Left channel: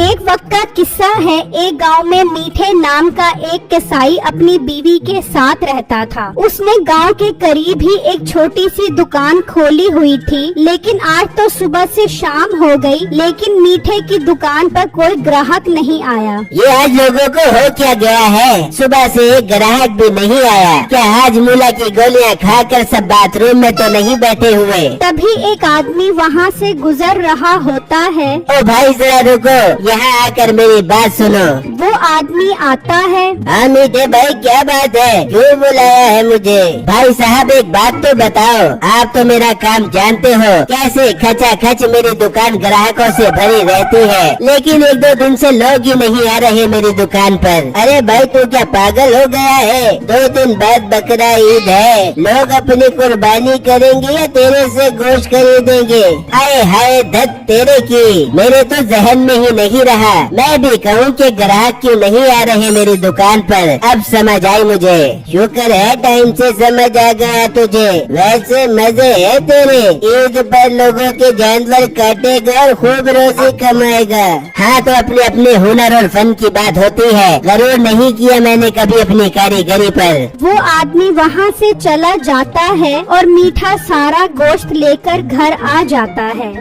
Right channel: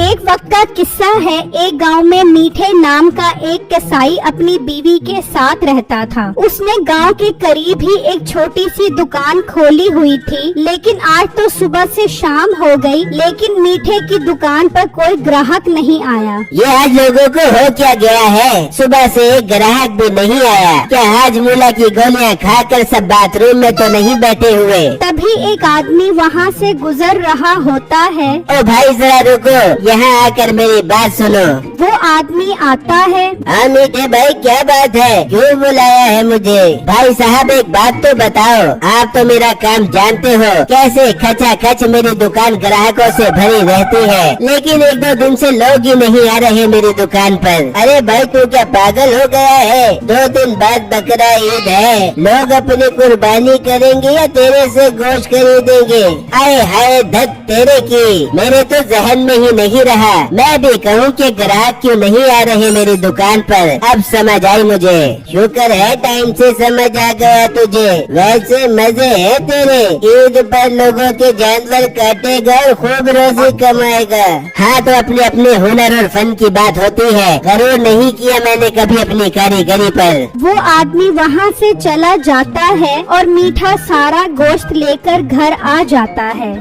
एक वक्त का किस्सा है। एक गांव में मीठे नाम का एक कसाई अपनी बीवी के साथ रहता था। उसने गांव के करीब ही एक छोटी सी दुकान खोली हुई थी, लेकिन आज तो सुबह से शाम हो गई, लेकिन मीठे की दुकान पर कोई ग्राहक नहीं आया। ये आज लोगों को हो क्या गया है? सुबह से एक ग्राहक भी नहीं आया। क्या आज मूला की गोलियां खाकर सब बाथरूम में तो नहीं बैठे हुए? तभी एक आदमी वहाँ से गुजर रहा होता है। ओ भाई जरा रुको, यहाँ आकर मेरी बात सुनो। वो आदमी आता है। हाँ मीठे भाई, क्या बात है? क्यों बुलाया है मुझे? भाई साहब एक बात तो बताओ, आप तो मेरा काम जानते हो, कैसे खचाखच मेरी दुकान ग्राहकों से भरी रहती है, लेकिन एक दो दिन से लोग ही नहीं आ रहे मेरी दुकान पर। अरे भाई तू क्या पागल हो गया है? 2 दिन बाद बकरा ईद है, लोग अपनी कुर्बानी करेंगे या तेरे से गोश्त खरीदेंगे? हाय हाय धत तेरे की, मेरे तो जहन में ही नहीं रहा। मैं भी कहूँ कि ग्राहक क्यों नहीं आ रहे मेरी दुकान पर। अब समझ आई मुझे, शुक्र है टाइम से समझ आ गया तुझे। वैसे मजे है तेरे, ईद पर लोगों के जानवर काटेगा और खूब रोजी कमाएगा। हाँ तो अपने अपने हुनर और फन की बात होती है, जरूर नहीं किया मैंने कभी अपनी कारीगरी पर। वो आदमी वहाँ से चला जाता है और मीठा सारा गोश्त लेकर घर आ जाता है।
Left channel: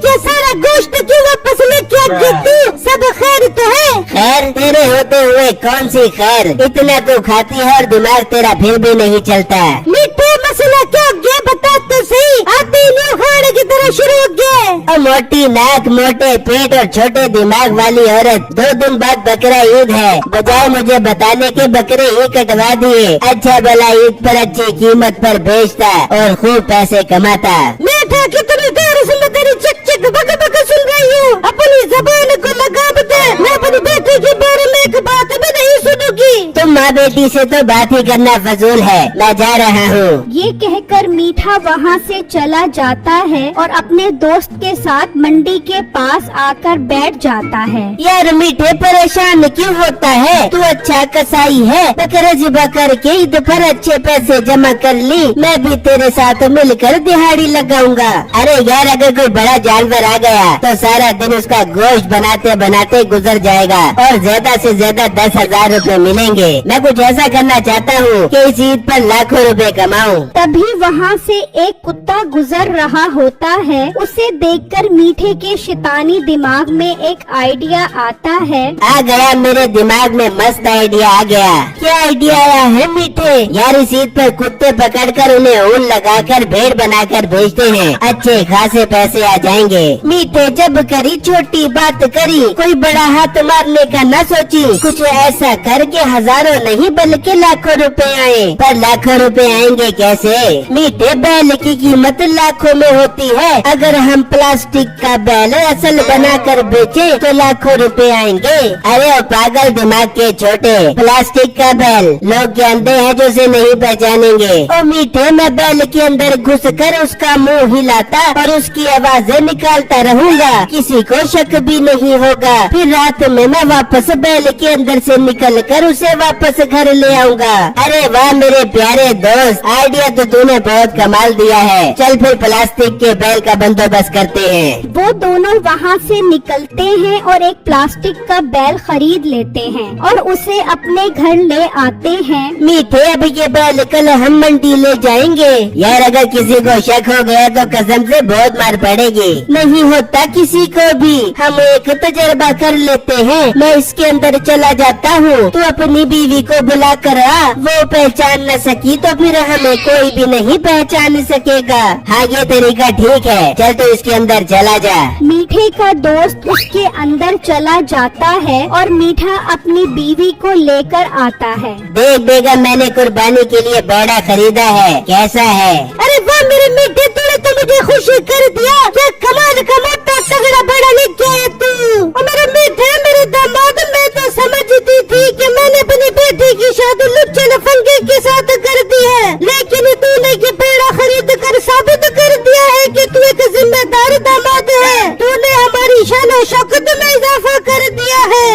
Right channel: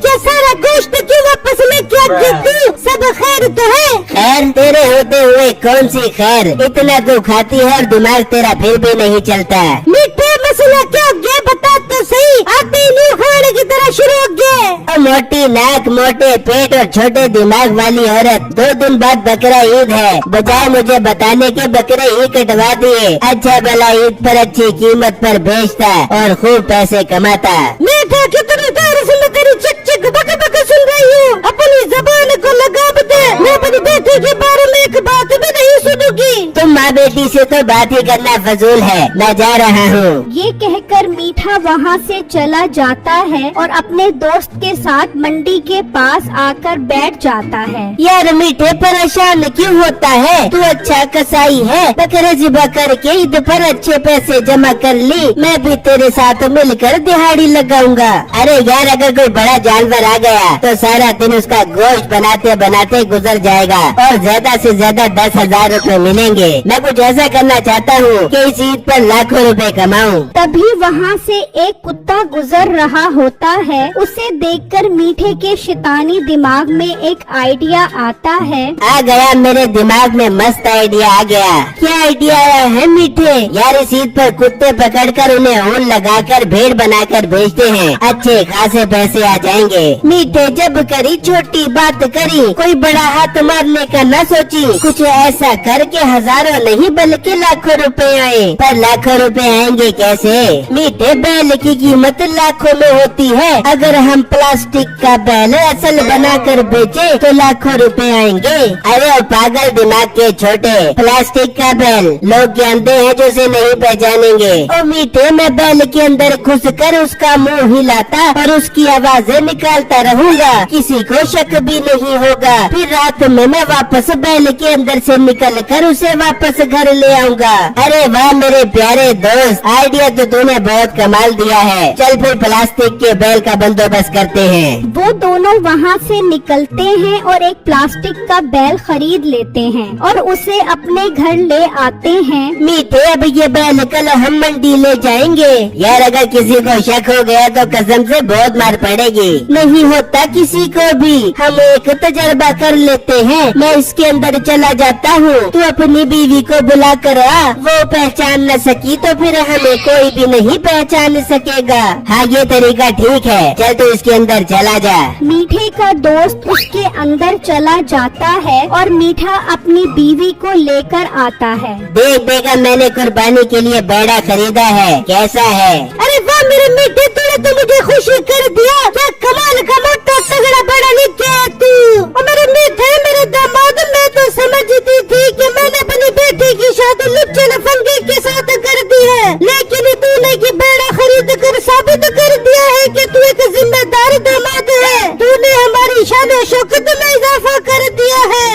क्या सारा गोश्त क्यों वापस लेके आती? सब खैर तो है? खैर तेरे होते हुए कौन सी खैर? इतना तो खाती है और दिमाग तेरा फिर भी नहीं चलता। मीठा मसला क्या गया बता तो सही। आते ही हाड़ की तरह शुरू हो गया। मोटी नाक, मोटे पेट और छोटे दिमाग वाली औरत, 2 दिन बाद बकरा ईद है, बजाय मुझे बताने के बकरे ही कटवा दिए। अच्छा भला ईद पर अच्छी कीमत पर बेचता और खूब पैसे कमाता। मीठा कितनी देर से मैं तेरी चक चक बक बक सुन रही हूँ, अपनी जबान को लगा बता। मैं अपनी बेटे के बारे में एक बात भी नहीं सुनूंगी। तुम माँ बेटी से तो बात ही करना फजूल है, मैं जा रहा हूँ। ये कहकर मीठा वहाँ से चला जाता है और अपने दोस्त के साथ मंडी के पास आकर बैठ जाता है। यार मीठे परेशान क्यों होता है? तू अच्छा कसाई है, बकरा ज़िबा करके ईद पर अच्छे पैसे जमा कर ली, मैं भी तेरे साथ मिलकर दिहाड़ी लगाऊंगा। अरे यार अगर कोई बड़ा जानवर आ गया तो सारा दिन उसका गोश्त बनाते बनाते गुजर जाएगा और ज्यादा से ज्यादा 10,000 रुपए मिलेंगे। मैं कुछ ऐसा करना चाहता हूँ कि इस ईद पर लाखों रुपए कमाऊँ। तभी वहाँ से एक कुत्ता गुजर रहा होता है। उसे देखकर मीठे के शैतानी दिमाग में एक आइडिया आता है। आ गया मेरे दिमाग में, मस्त आइडिया आ गया। क्या आइडिया आया है मीठे? यार इस ईद पर कुत्ते पकड़कर उन्हें ऊन लगाकर भेड़ बनाकर बेचते हैं, अच्छे खासे पैसे आ जाएंगे। मीठे जब करी छोटी बात करी, कोई बड़ा हाथ मारने का न सोची, कुछ ऐसा करके हजारों नहीं बल्कि लाखों रुपए आए। पर लाखों रुपए आएंगे कैसे? मीठे बैल की कीमत लाखों में होती है, अगर हम प्लास्टिक का बैल असल बनाकर बेचे तो लाखों रुपए आएंगे। अरे ओ पागल दिमाग के छोटे, प्लास्टिक का बैल लोग जानते हैं जो उसे नहीं पहचानेंगे। और मीठे मैं बैल के अंदर घुसकर उसका मुंह हिलाता और उसकी आवाजें निकालता रहूंगा, किसी को शक भी नहीं होगा। फिर रात में मैं वापस बैल के अंदर से निकलकर उसे वापस घर ले आऊंगा। अरे वाह मेरे प्यारे दोस्त, आइडिया तो तूने बहुत कमाल दिया है। चल फिर प्लास्टिक के बैल का बंदोबस्त करते हैं। वो दोनों वहाँ से निकलते हैं और एक प्लास्टिक का बैल खरीद लेते हैं और उसे अपने घर ले आते हैं। मीठे अब ये बैल कल हम मंडी ले जाएंगे। यार अगर किसी को शक हो गया तो कसम से बहुत मार पड़ेगी। नहीं होता किसी को भी, हम एक तजर्बा कर लेते हैं। मैं इसके अंदर चला जाता हूँ, तू अपनी बीवी को बुला कर आ। वो पहचान न सकी तो फिर हमें कोई भी नहीं पहचान सकेगा। हाँ ये तरीका ठीक है, चल तो इसके अंदर चला जा। मीठे का दोस्त उसके अंदर चला जाता है और मीठा अपनी बीवी को लेकर आता है। देख बेगा मैंने कुर्बानी के लिए बैड़ा खरीदा है, कैसा है? अरे वाह मेरे मीठे, तूने तो मुझे खुशी कर दिया। क्या कमाल का मोटा तगड़ा बैड़ा लेके आया तू। और मेरे मीठे मेरे दामाद, मैं तो समझती थी कि मैंने अपनी बेटी की शादी लुच्चे लफंगे के साथ कर दी है, लेकिन तूने की बैड़ा खरीद कर साबित कर दिया है कि तू एक जिम्मेदार दामाद है। तूने हमारी शान और शौकत में इजाफा कर दिया है।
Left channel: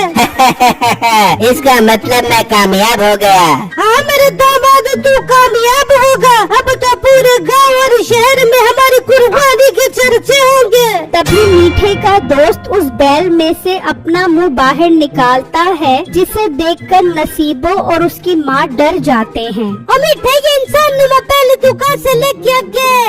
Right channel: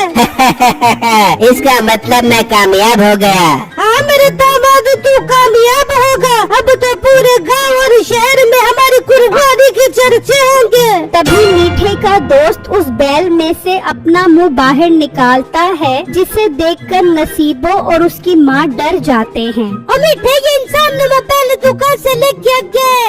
इसका मतलब मैं कामयाब हो गया। हाँ मेरे दामाद तू कामयाब होगा। अब तो पूरे गांव और शहर में हमारी बर्बादी के चर्चे होंगे। तभी मीठे का दोस्त उस बैल में से अपना मुंह बाहर निकालता है, जिसे देखकर नसीबो और उसकी माँ डर जाते हैं। मीठे ये इंसान नुमा बैल तो कैसे लेके गए?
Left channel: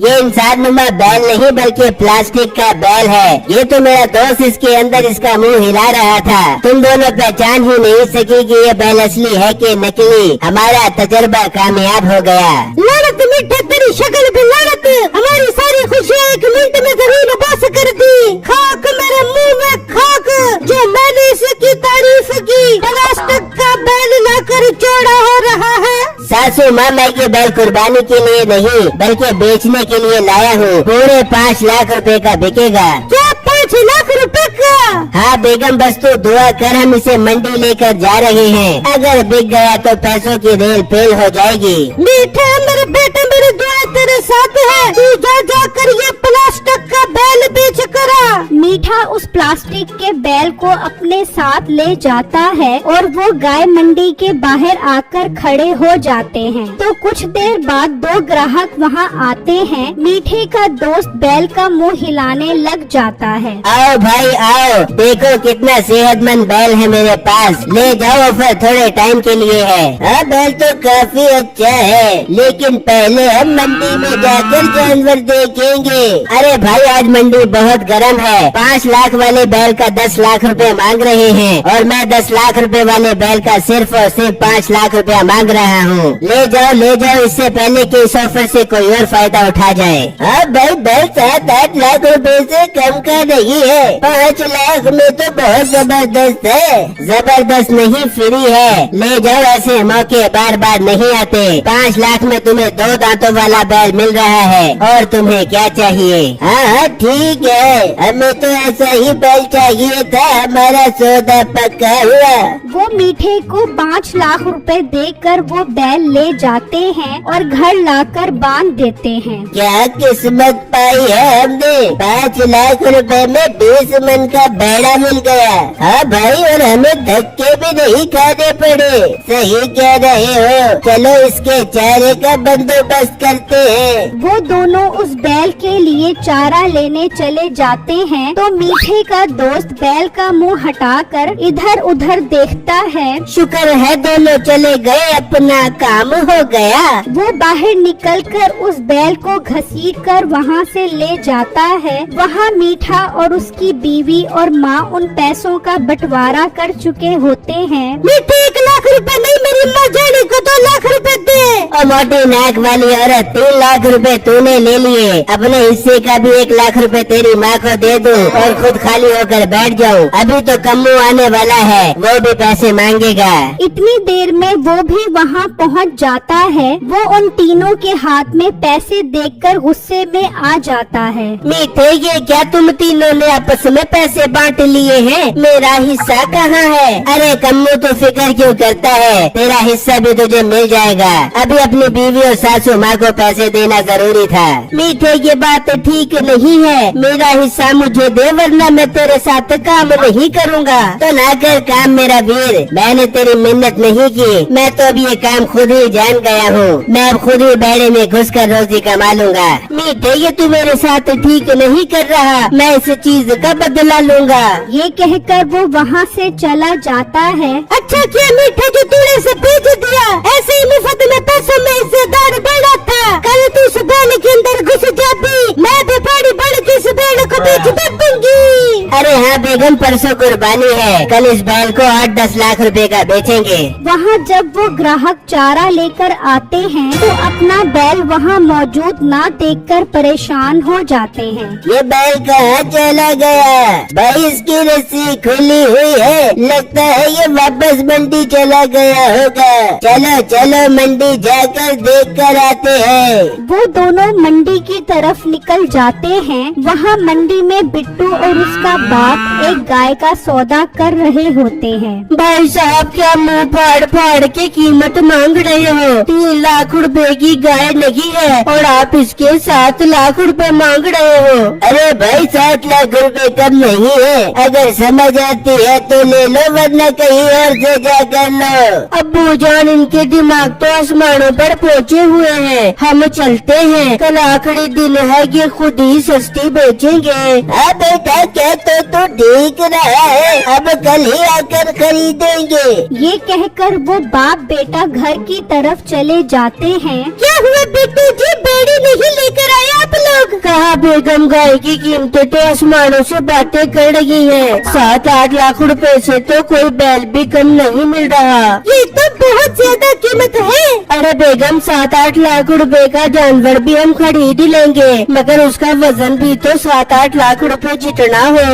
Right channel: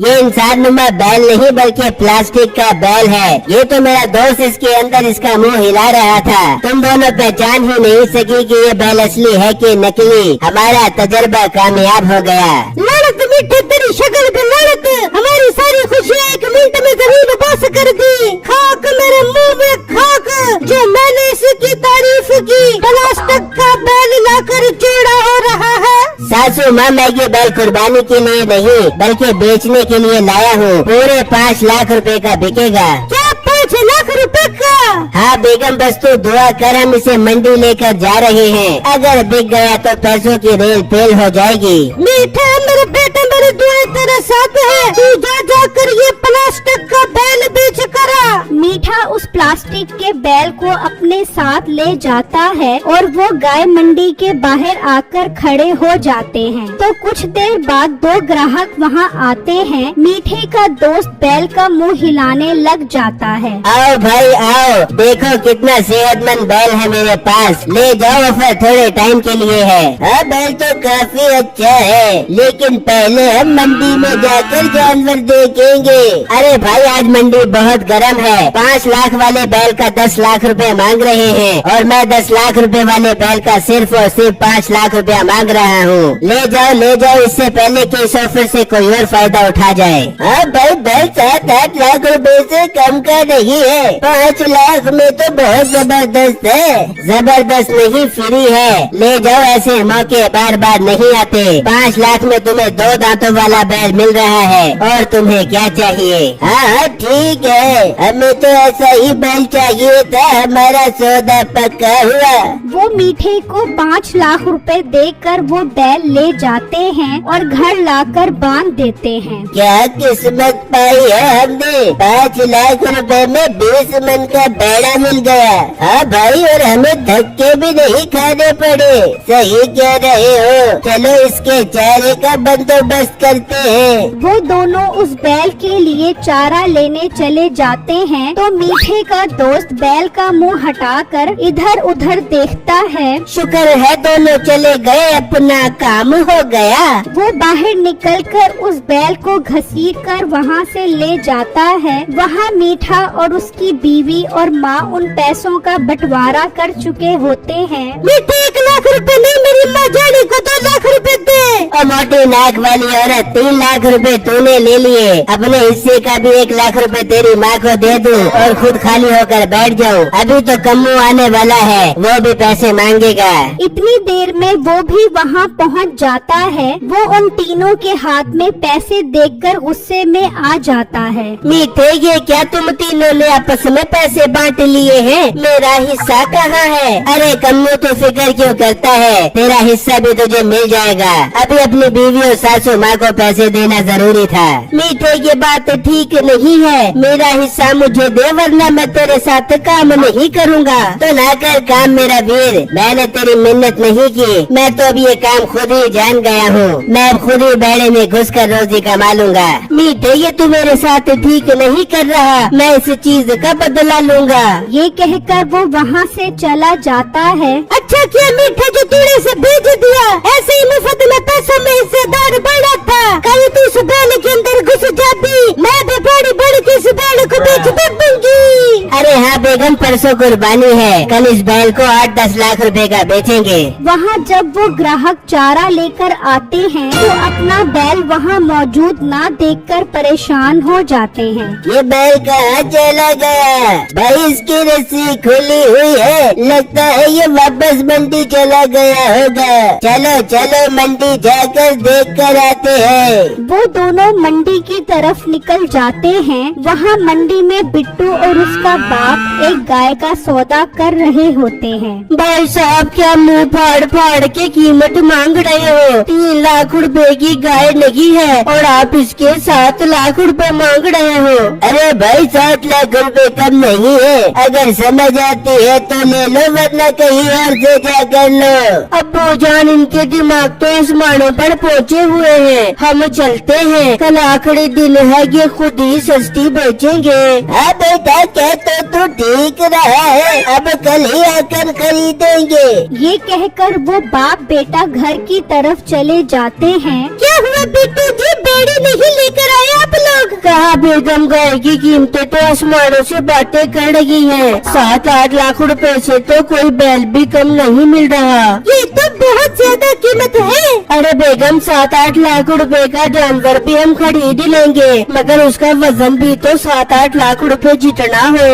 ये इंसान नुमा बैल नहीं बल्कि प्लास्टिक का बैल है। ये तो मेरा दोस्त इसके अंदर इसका मुंह हिला रहा था। तुम दोनों पहचान ही नहीं सकी कि ये बैल असली है कि नकली। हमारा तजर्बा कामयाब हो गया। लड़त मीठे तेरी शक्ल पे लड़त, हमारी सारी खुशियाँ एक मिनट में जमीन बस कर दी। खाक मेरे मुंह में खाक, जो मैंने इसकी तारीफ की। प्लास्टिक का बैल लाकर जोड़ा हो रहा है। सासू माँ, मैं ये बैल कुर्बानी के लिए नहीं बल्कि बेचने के लिए लाया हूँ। पूरे 5 लाख रुपए का बिकेगा। क्या 5 लाख रुपए का? हाँ बेगम, बस तो दुआ कर, हम इसे मंडी लेकर जा रहे हैं। अगर बिक गया तो पैसों की रेल फेल हो जाएगी। मीठे मेरे बेटे, मेरी दुआ तेरे साथ है। तू जा कर ये प्लास्टिक का बैल बेच कर आ। मीठा उस प्लास्टिक के बैल को अपने साथ ले जाता है और वो गाय मंडी के बाहर आकर खड़े हो जाते हैं। तो कुछ देर बाद 2 ग्राहक वहाँ आते हैं। मीठे का दोस्त बैल का मुंह हिलाने लग जाता है। आओ भाई आओ, देखो कितना सेहतमंद बैल है मेरे पास। ले जाओ, फिर थोड़े टाइम के लिए है। बैल तो काफी अच्छा है, लेकिन पहले हम मंडी में जाकर जानवर देखेंगे। अरे भाई, आज मंडी बहुत गर्म है। 5 लाख वाले बैल का 10 लाख रुपए मांग रहे हैं और मैं 10 लाख रुपए वाले बैल का सिर्फ और सिर्फ 5 लाख रुपया मांग रहा हूँ। ले जाओ, इससे पहले कि इस ऑफर से कोई और फायदा उठा जाए। भाई, बैल 7-8 लाख रुपए से कम का नहीं है। 5 लाख में तो बहुत जबरदस्त है। जबरदस्त नहीं, फ्री है। ले जाओ, ऐसे मौके बार बार नहीं आते। 5 लाख में तुम्हें 2 दांतों वाला बैल मिल रहा है। और तुम्हें क्या चाहिए? हाँ ठीक है, हमें तो ऐसा ही बैल चाहिए था। हमारा सौदा पक्का हुआ। वो मीठे को 5 लाख रुपए देकर वो बैल ले जाते हैं और घर लाकर बांध देते हैं। क्या किस्मत पाई है हमने। 5 लाख रुपए में 20 मन का बैला मिल गया। हाँ भाई, और हमें धक्के भी नहीं खाने पड़े। सही कह रहे हो। चलो इसके चारे का बंदोबस्त करते हैं। वो दोनों उस बैल के लिए चारा लेने चले जाते हैं। तो मीठे का दोस्त बैल का मुंह हटाकर इधर उधर देखता है। शुक्र है दोनों चले गए, अपना काम हो गया। वो बाहर निकलकर उस बैल को घसीट कर वहाँ से ले जाता है। वहाँ मीठा और उसकी बीवी और माँ उन पैसों का बंटवारा कर चुके होते हैं। मीठे 1 लाख रुपए नहीं, मेरी माँ जाने को 2 लाख रुपए दे। और मोटी नाक वाली औरत, 3 लाख रुपए तूने ले लिए। अपने हिस्से का भी 1 लाख रुपए तेरी माँ को दे दूं और खुद खाली होकर बैठ जाऊं। अभी तो कम्मू आने वाला है, वो भी पैसे मांगेगा। इतनी देर में वो भी वहाँ पहुँच जाता है। वो उन तीनों के हाथ में पैसे देखकर गुस्से में आ जाता है। मीठे, ये क्या तुम तीनों ने आपस में पैसे बांट लिए हैं? मेरा हिस्सा कहाँ है? अरे कम्मू तो फिक्र क्यों करता है, तेरा हिस्सा भी तुझे मिल जाएगा। अभी अपनी बीवी और सासू माँ को पैसे देना जरूरी था। मीठे, ये बात ठीक नहीं है। मेरा हिस्सा मुझे दे, वरना मैं तेरे साथ काम नहीं करूँगा। तो ना कर काम मेरा वीर, मैंने तेरी मिन्नत नहीं की। मैं तो अब ये काम खुद ही जान गया हूँ। मैं अब खुद ही बेड़े में घुस कर रोजी कमा लूंगा। मीठे, ये तू मेरे साथ ठीक नहीं कर रहा। मैं इस चीज का बदला लूंगा। ये कहकर वो वहाँ से चला जाता है। अच्छा किया मीठे, जो तूने से भेज दिया। ऐसे ही मुफ्त में पैसों में हिस्सेदार बना था। कल तू इस बैल के अंदर घुस जाती, मैं भी बड़ी बड़ी के इस बैल को बेच भी दूंगी। अरे हाँ बेगम, परसों कुर्बानी है। कल इस बैल को 8-10 लाख रुपए का बेचेंगे। वहाँ जब वो ग्राहक चारा लेकर आते हैं तो अपना बैल वहाँ मौजूद ना देखकर परेशान हो जाते हैं। ये बैल कहाँ चला गया? भाई इसकी रस्सी खुली हुई है, लगता है ये वापस मंडी चला गया होगा। चलो चलो मंडी जाकर देख कर आते हैं। वो दोनों मंडी की तरफ निकल जाते हैं। वहाँ मंडी में बिट्टू और उसका बाप एक गाय का सौदा कर रहे होते हैं। भाई साहब, क्या मुंह फाड़ फाड़ के कीमत मांग रहे हो? 3 लाख रुपए की गाय नहीं है और आप इसके 7 लाख रुपए मांग रहे हो। अरे भाई, 7 लाख रुपए कम नहीं है। अगर समझ आती है तो ले लो, वरना कहीं और से जा कर लो। अब्बू जान इनके दिमाग तो आसमानों पर पहुँचे हुए हैं। हम चलते हैं, कल आखिरी दिन है कि खुद ही सस्ती बेचेंगे। हाँ बेटा क्या तो ठीक रहा है, अब कल ही आकर खरीदेंगे। ये कहकर वो बाप बेटा घर की तरफ चले जाते हैं। क्या हुआ बेटू जी, बेड़ी नहीं लेकर आए आप लोग? कहा बेगम, गाय की कीमतें तो आसमानों से बातें कर रही हैं। 7-8 लाख रुपए से तो कोई बैल भी कम नहीं मिल रहा। ये तो बहुत ज्यादा कीमत है। अरे बेगम 7-8 लाख रुपए का जानवर भी हम खरीद लेंगे, मगर उसका वजन भी तो 7-8 लाख रुपए जितना हो।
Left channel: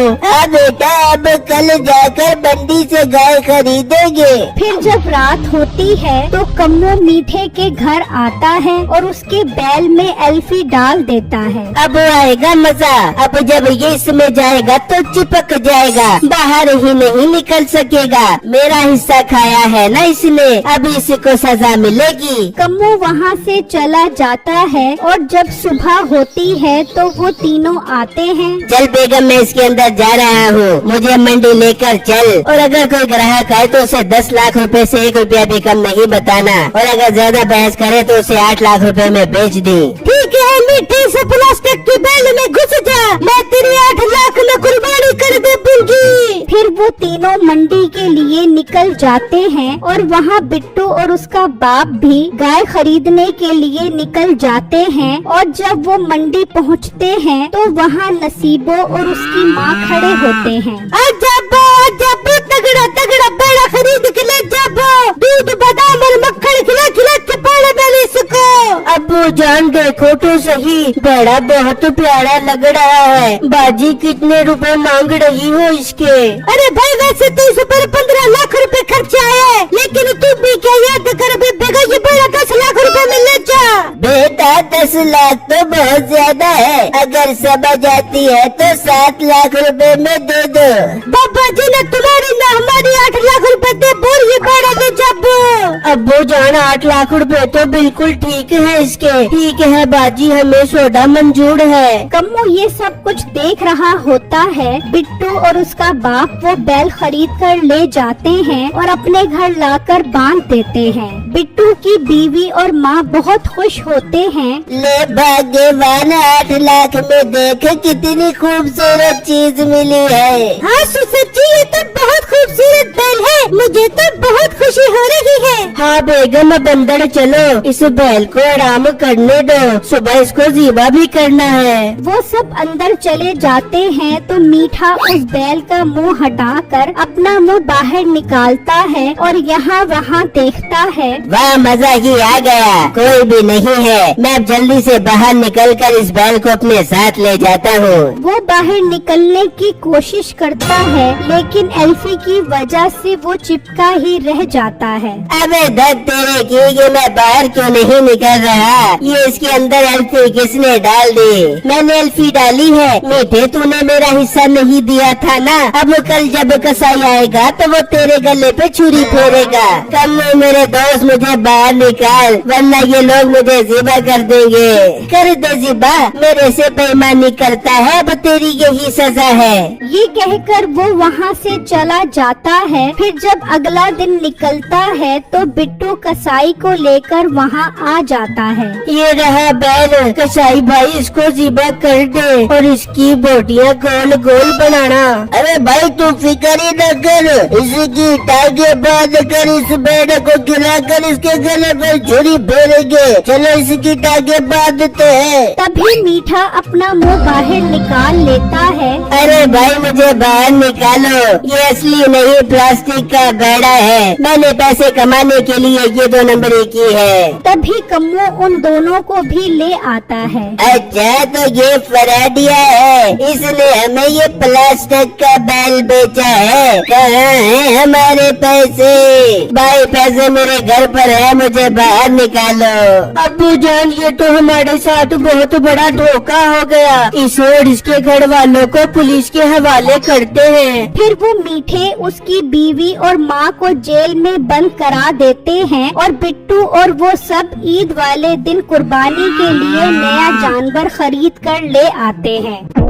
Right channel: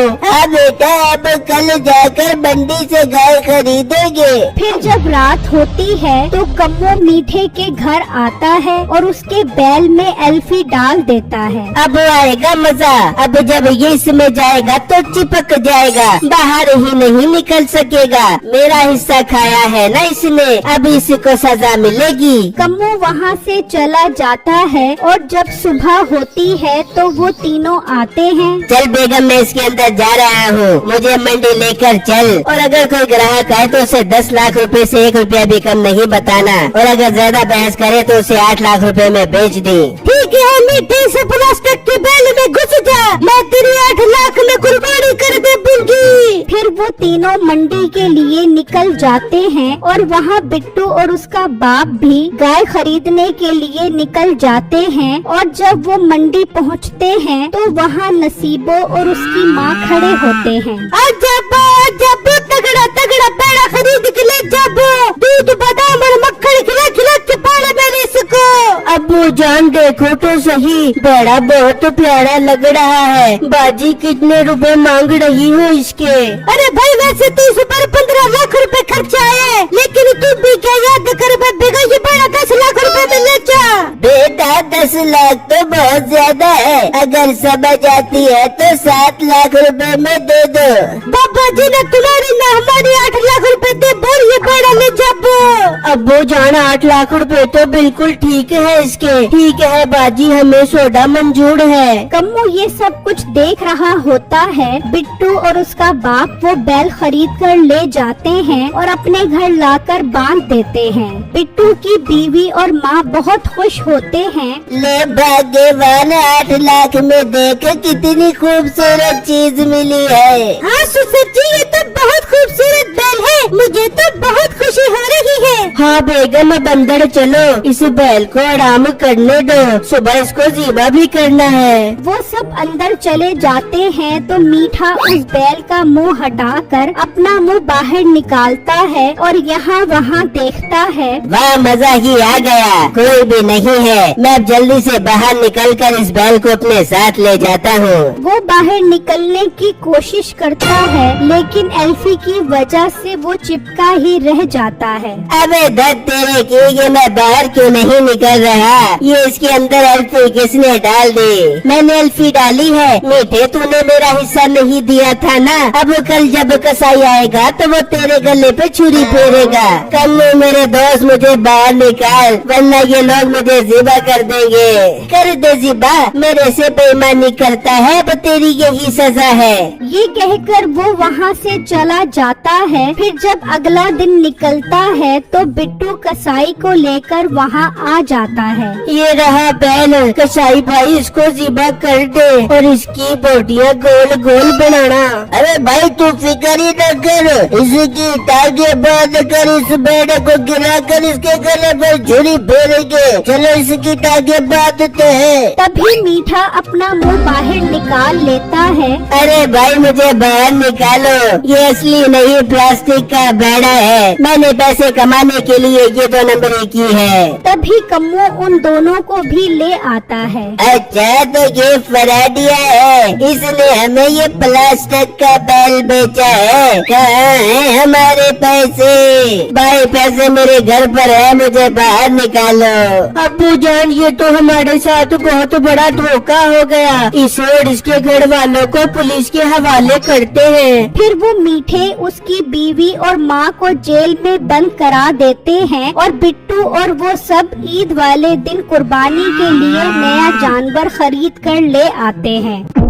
बेटा अब कल जाकर मंडी से गाय खरीदेंगे। फिर जब रात होती है तो कम्मो मीठे के घर आता है और उसके बैल में एल्फी डाल देता है। अब आएगा मजा। अब जब ये इसमें जाएगा तो चिपक जाएगा, बाहर ही नहीं निकल सकेगा। मेरा हिस्सा खाया है ना इसने, अब इसी को सजा मिलेगी। कम्मो वहाँ से चला जाता है और जब सुबह होती है तो वो तीनों आते हैं। चल बेगम मैं इसके अंदर जा रहा हूँ, मुझे मंडी लेकर चल। और अगर कोई ग्राहक आए तो उसे 10 लाख रुपए से 1 रुपया भी कम नहीं बताना, और अगर ज्यादा बहस करे तो उसे 8 लाख रुपए में बेच दे। ठीक है, मीठे से प्लास्टिक की बैल में घुस जा, मैं तेरे 8 लाख में कुर्बानी कर दूंगी। फिर वो तीनों मंडी के लिए निकल जाते हैं और वहाँ बिट्टू और उसका बाप भी गाय खरीदने के लिए निकल जाते हैं। और जब वो मंडी पहुँचते हैं तो वहाँ नसीबो और उसकी माँ खड़े होते हैं। जब तगड़ा तगड़ा बेड़ा खरीद के ले, जब दूध बादाम और मक्खन खिला खिला के पाले मैंने सको। अब्बू जान देखो तो सही, बेड़ा बहुत प्यारा लग रहा है। बाजी कितने रुपए मांग रही हो इसके? अरे भाई वैसे तो इस पर 15 लाख रुपए खर्चे आए, लेकिन तुम भी क्या याद कर बेगा, ये बेड़ा 10 लाख रुपए में ले जा। बेटा 10 लाख तो बहुत ज्यादा है, अगर समझ आती है तो 7 लाख रुपए में दे दो। पापा जी ने तुम्हारी न हमारी 8 लाख रुपए दे, और ये बेड़ा ले जा। अब्बू जान 8 लाख रुपए तो बिल्कुल ठीक है इसके। ठीक है बाजी, हमें सौदा मंजूर है। कम्मो ये सब कुछ देख रहा होता है। बिट्टू और उसका बाप वो बैल खरीद कर ले जाते हैं और अपने घर लाकर बांध देते हैं। बिट्टू की बीवी और माँ बहुत खुश होते हैं। ले भाग्यवान, 8 लाख में देख कितनी खूबसूरत चीज मिली है। हाँ सुसर जी, ये तो बहुत खूबसूरत बैल है, मुझे तो बहुत खुशी हो रही है। हाँ बेगम अब अंदर चलो, इस बैल को आराम करने दो, सुबह इसको जीबा भी करना है। वो सब अंदर चले जाते हैं तो मीठा उस बैल का मुंह हटाकर अपना मुंह बाहर निकालता है और यहाँ वहाँ देखता है। वाह मजा ही आ गया, कोई भी नहीं है। मैं अब जल्दी से बाहर निकलकर इस बैल को अपने साथ ले जाता हूँ। वो बाहर निकलने की कोशिश करता है, लेकिन एल्फी की वजह से वो चिपका ही रह जाता है। अबे धत तेरे की, ये मैं बाहर क्यों नहीं निकल रहा? ये इसके अंदर एल्फी किसने डाल दी? मैंने एल्फी डाली है। मीठे तूने मेरा हिस्सा नहीं दिया था ना, अब कल जब कसाई आएगा तो वो तेरे गले पे छुरी फेरेगा। कम्मो मेरे दोस्त मुझे बाहर निकाल, वरना ये लोग मुझे ज़िबा कर देंगे। कर दे ज़िबा, मेरे से बेईमानी करता है, अब तेरी यही सजा है। ये कहकर वो वहाँ से चला जाता है। फिर जब अगला दिन निकलता है तो बिट्टू कसाई को लेकर वहाँ आ जाता है। ये रहा बैल, कसाई भाई इसको ज़िबा कर दे और इसकी बोटियाँ गोल गोल बनाना। अरे भाई तू फिक्र ही न कर, इसकी टांगे बांध कर इस बैल को गिरा कर इसके गले पर छुरी फेरेंगे। चलो इसकी टांगे बांधते हैं। तभी मीठा अपना मुंह बाहर निकाल लेता है। अरे भाई मुझे बाहर निकालो, ये असली नहीं प्लास्टिक का बेड़ा है। मैंने पैसे कमाने के लिए ये 2 नंबरी की है। तभी कम्मो उन दोनों को भी ले आता है। अच्छा तो ये फराडिया है, इसने हमें ये प्लास्टिक का बैल बेचा है। कहाँ है हमारे पैसे? भाई पैसे मेरे घर पर है, मुझे बाहर निकालो। अब्बू जान ये तो हमारे साथ बहुत बड़ा धोखा हो गया, इसे और इसके घर वालों को पुलिस के हवाले करते हैं। फिर वो मीठे उसकी बीवी और माँ को जेल में बंद करा देते हैं और बिट्टू और वो सब ईद वाले दिन कुर्बानी के लिए नया जानवर खरीद कर ले आते हैं।